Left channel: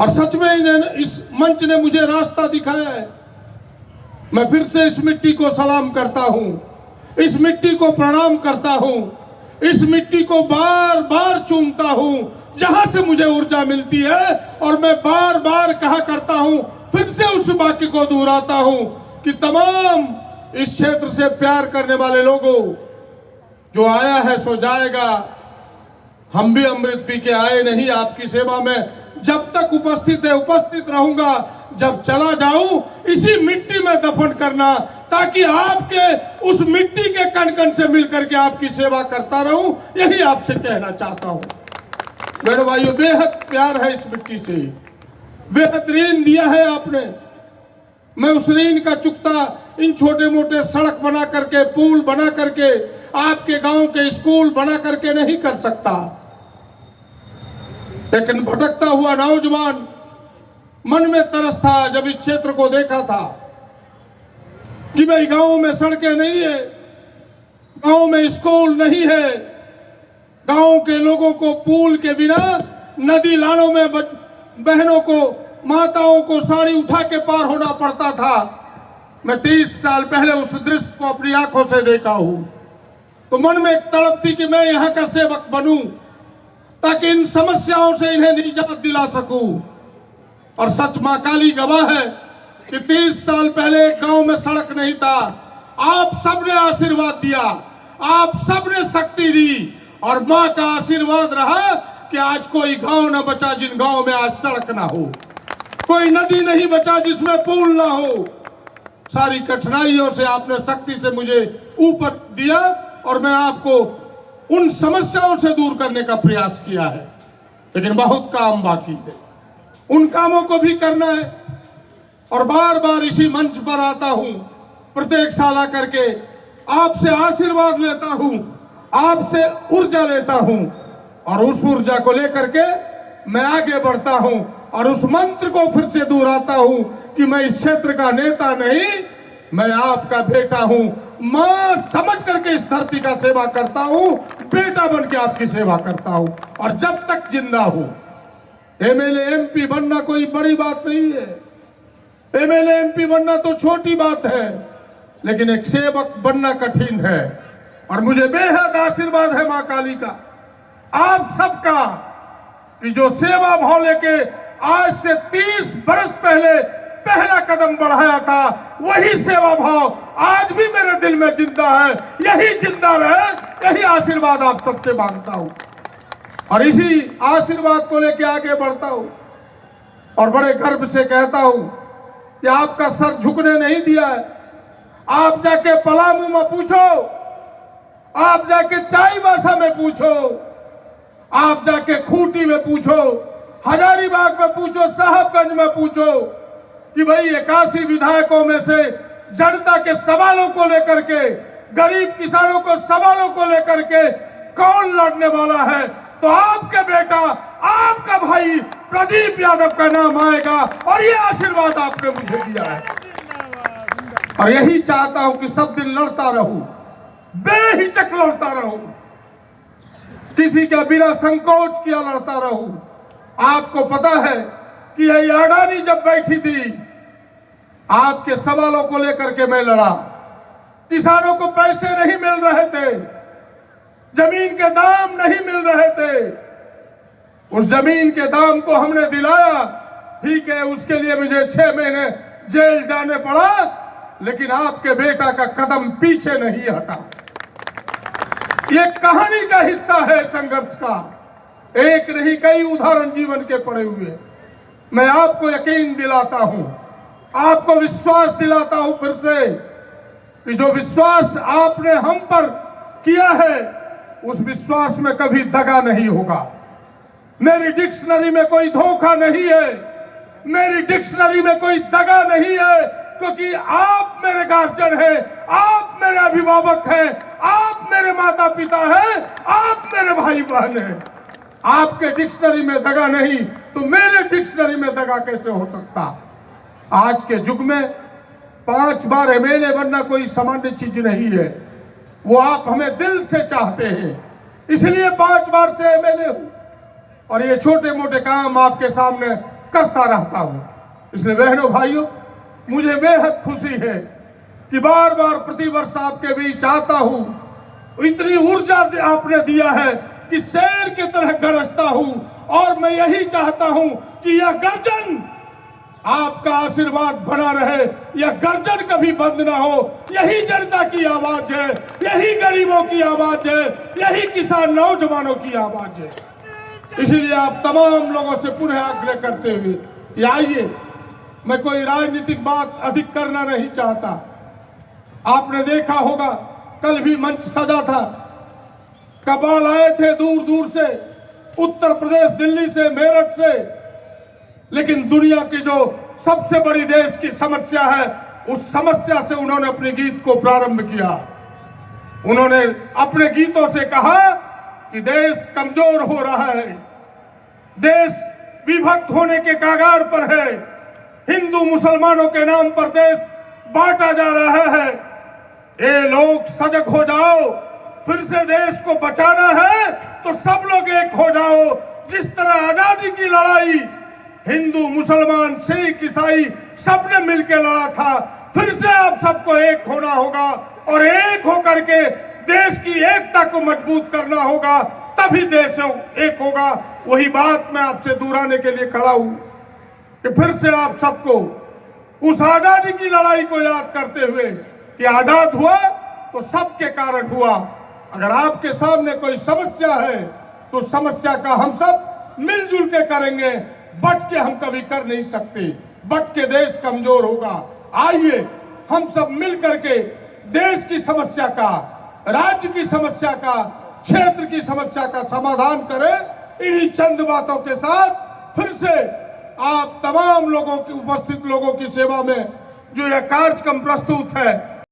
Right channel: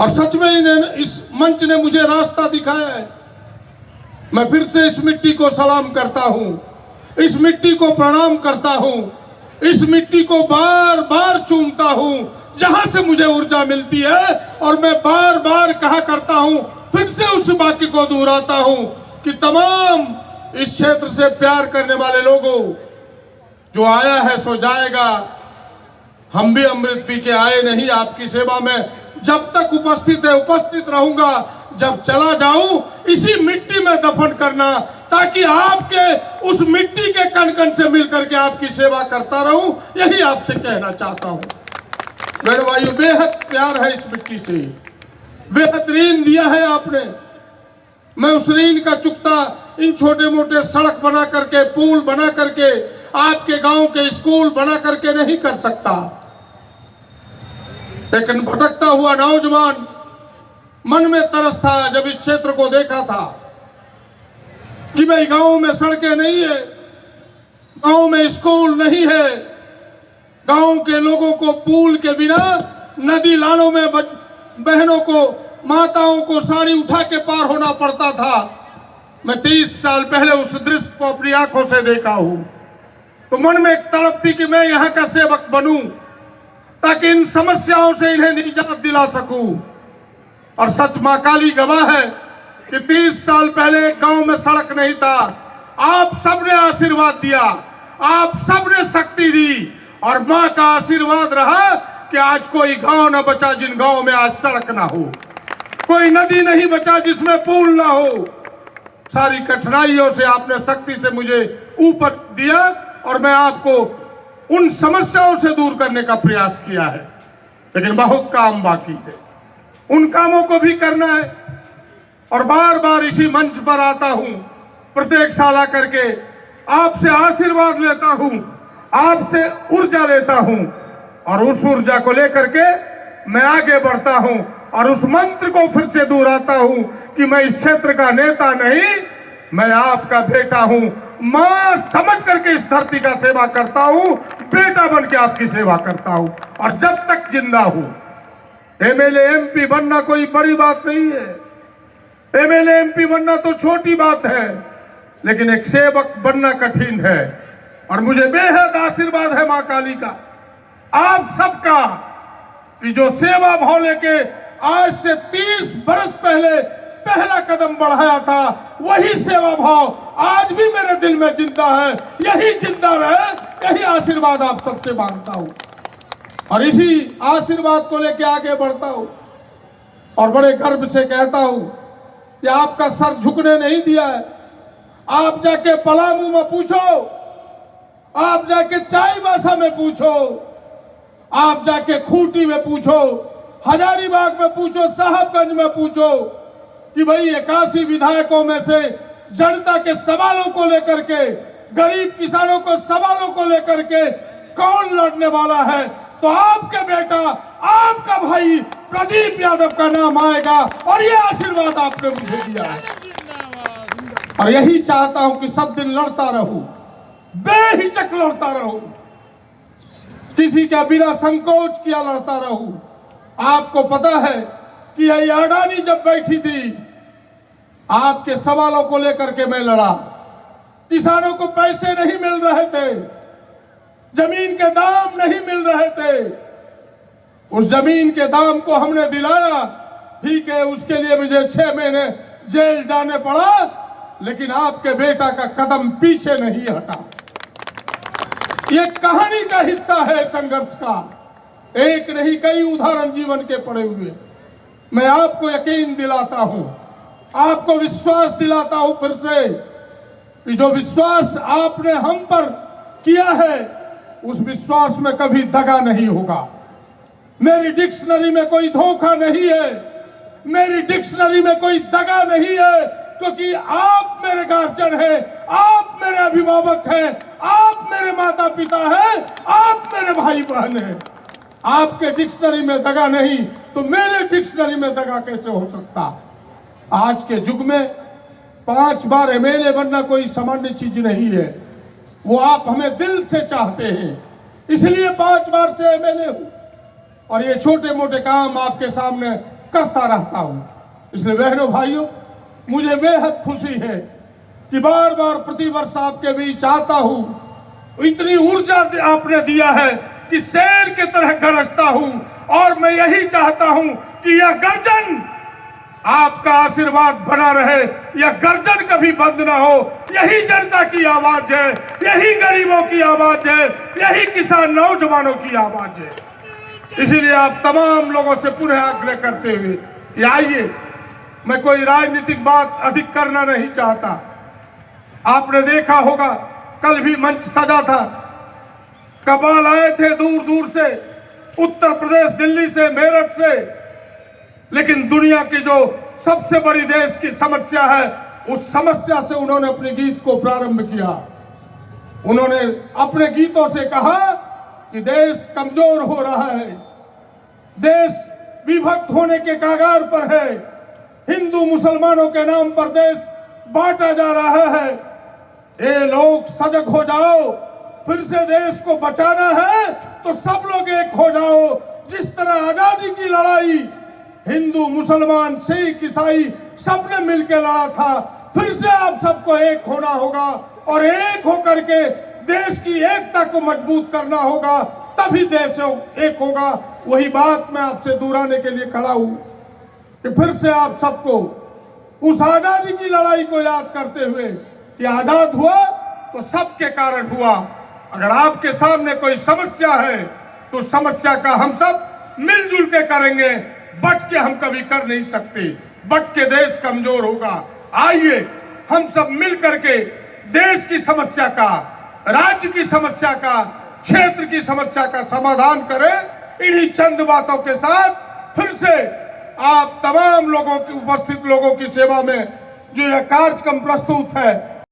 और सच में इन्हें इस मंच ने मुझे रास्ता दिखाया है। मैं फिर से इस मिट्टी को सलाम करता हूं, इस मिट्टी को प्रणाम करता हूं, इस मिट्टी को बार बार चूमता हूं जहां से मुझे ऊर्जा मिलती है। और मैं बार बार कहा करता हूं, फिर से उस वाक्य को दोहराता हूं कि तमाम इस क्षेत्र से प्यार करने वाले लोगों, जो आया है सो जाएगा। हम भी अमृत पी के आए नहीं, आपकी सेवा में जब तक उपस्थित है उपस्थित रहूंगा, जब चला जाऊं इसी मिट्टी में दफन करना, ताकि आपके उस मिट्टी के कण कण से मिलकर के आपकी सेवा करता रहूं। यही आपसे कहना चाहता हूं मेरे भाइयों, बेहद प्यार है इस मिट्टी से, बेहद ऋण दिया है आपने। मैं उस ऋण का चुकता इन छोटे मोटे सड़क बना करके, पुल बना करके, आपके गांव के स्कूल बना करके नहीं कर सकता। लेकिन भटकता हुआ नौजवान मन में तरस था जब इस क्षेत्र को देखा था कि भाई गांव में सड़कें नहीं है, गांव में स्कूल नहीं है, गांव के लोगों को पुल के बिना नदी नालों में बहनों को, माताओं को साड़ी उठा के पार होना पड़ता था। मैं 30 साल पहले उस दृश्य को अपनी आंखों से देखा हूं, तो मन में एक तड़प थी कि मैं यहां का सेवक बनूं, ताकि इन समस्याओं से इन्हें निजात दिला सकूं। और सच मां काली गवाह है कि 30 साल पहले गांव में सड़क नहीं था, आप सबने आशीर्वाद दिया, आप सबने शक्ति दी, और मां का आशीर्वाद रहा कि आज कोई गांव न बचा जिन गांव में आज सड़क ना हो, कोई नदी नहीं बचा जिसमें पुल ना हो। सारी कठिनाइयों से आपने शक्ति से मुझे ऊपर दिया, और मैं आपको उन समस्याओं से दूर करने का प्रयास किया है। लेकिन बहुत काम बाकी है, उन कामों को भी करना है। और बार बार इसी मंच पर आता हूं, प्रत्येक साल आकर के आपसे आशीर्वाद लेता हूं, आपसे ऊर्जा लेता हूं, और उस ऊर्जा को लेकर के मैं आगे बढ़ता हूं। और उस मंत्र को फिर से दोहराता हूं कि मैं इस क्षेत्र का नेता नहीं, मैं आपका बेटा हूं। मां समझ करके इस धरती का सेवा करता हूं, बेटा बन के आपकी सेवा करता हूं, और जब तक जिंदा हूं। एमएलए एमपी बनना कोई बड़ी बात नहीं है, एमएलए एमपी बनना तो छोटी बात है, लेकिन एक सेवक बनना कठिन है। और मुझे बेहद आशीर्वाद है मां काली का, आप सबका, कि जो सेवा भाव लेके आज से 30 बरस पहले पहला कदम बढ़ाया था, वही सेवा भाव आज भी मेरे दिल में जिंदा है। यही जिंदा रहे, यही आशीर्वाद आप सबसे मांगता हूं, और इसी आशीर्वाद को लेके आगे बढ़ता हूं। और बड़े गर्व से कहता हूं कि आपका सर झुकने नहीं दिया है। आप जाके पलामू में पूछो, आप जाके चाईबासा में पूछो, आप जाके खूंटी में पूछो, हजारीबाग में पूछो, साहबगंज में पूछो कि भाई 81 विधायकों में से जनता के सवालों को लेकर के, गरीब किसानों को सवालों को लेकर के कौन लड़ने वाला है, तो आपके बेटा, आपका भाई प्रदीप यादव का नाम आएगा। और ये आशीर्वाद आपने मुझे दिया है, और यही चाहता हूं कि सब दिन लड़ता रहूं, बेहिचक लड़ता रहूं, किसी का बिना संकोच किया लड़ता रहूं। आपको पता है कि यही अडानी जब बैठी थी, आपके सवालों को लेकर के मैं लड़ा। किसानों को पैसे नहीं मिल रहे थे, जमीन के दाम नहीं मिल रहे थे, उस जमीन के दाम को हमने दिलाया। ठीक है, उसके लिए मुझे 6 महीने जेल जाने पड़ा, लेकिन आपके बेटा का कदम पीछे नहीं हटा। ये कहानी का हिस्सा है संघर्ष का, एक नहीं कई उदाहरण जीवन के पड़े हुए। मैं आपको यकीन दिलाता हूं, आपको विश्वास दिलाता हूं फिर से, कि जो विश्वास आपने हम पर किया है, उस विश्वास में कभी दगा नहीं होगा। मेरी डिक्शनरी में कोई धोखा नहीं है, मेरी डिक्शनरी में कोई दगा नहीं है, क्योंकि आप मेरे गार्जियन हैं, आप मेरे अभिभावक हैं, आप मेरे माता पिता हैं, आप मेरे भाई बहन हैं। आपके डिक्शनरी में दगा नहीं तो मेरे डिक्शनरी में दगा कैसे हो सकता। आज के युग में 5 बार एमएलए बनना कोई सामान्य चीज नहीं है, वो आप हमें दिल से चाहते हैं, इसलिए 5 बार से एमएलए हूं। और ये छोटे मोटे काम आपके सामने करता रहता हूं। इसलिए बहनों भाइयों, मुझे बेहद खुशी है कि बार बार प्रतिवर्ष आपके बीच आता हूं। इतनी ऊर्जा आपने दिया है कि शेर की तरह गरजता हूं, और मैं यही चाहता हूं कि यह गर्जन, आपका आशीर्वाद बना रहे, यह गर्जन कभी बंद ना हो। यही जनता की आवाज है, यही गरीबों की आवाज है, यही किसान नौजवानों की आवाज है। इसीलिए आप तमाम लोगों से पुनः आग्रह करते हुए कि आइए, मैं कोई राजनीतिक बात अधिक करना नहीं चाहता। आपने देखा होगा, कल भी मंच सजा था, कपाल आए थे दूर दूर से, उत्तर प्रदेश, दिल्ली से, मेरठ से, लेकिन दुनिया की जो सबसे बड़ी देश की समस्या है, उस समस्या से उन्होंने अपने गीत को प्रारंभ किया। उन्होंने अपने गीतों से कहा कि देश कमजोर हो रहा है, देश विभक्त होने के कगार पर है, हिंदू मुसलमानों के नाम पर देश बांटा जा रहा है। ये लोग सजग हो जाओ, फिर से देश को बचाना है तो सब लोग एक हो जाओ। जिस तरह आजादी की लड़ाई हिंदू, मुसलमान, सिख, ईसाई सबने मिलकर लड़ा था, फिर से आप सबको एक होना होगा और एक होकर के देश की एकता को मजबूत करना होगा, तभी देश एक होगा। वही बात मैं आपसे दोहराने के लिए खड़ा हूं कि फिर से आप सबको उस आजादी की लड़ाई को याद करते हुए कि आजाद हुआ तो सबके कारण हुआ। अगर आपके सामने कोई समस्या है तो समस्या का हम सब मिलजुल के करेंगे, बट के हम कभी कर नहीं सकते, बट के देश कमजोर होगा। आइए हम सब मिल करके देश की समस्या का, राज्य की समस्या का, क्षेत्र की समस्या का समाधान करें। इन्हीं चंद बातों के साथ फिर से आप तमाम लोगों की, उपस्थित लोगों की सेवा में जो यह कार्यक्रम प्रस्तुत है,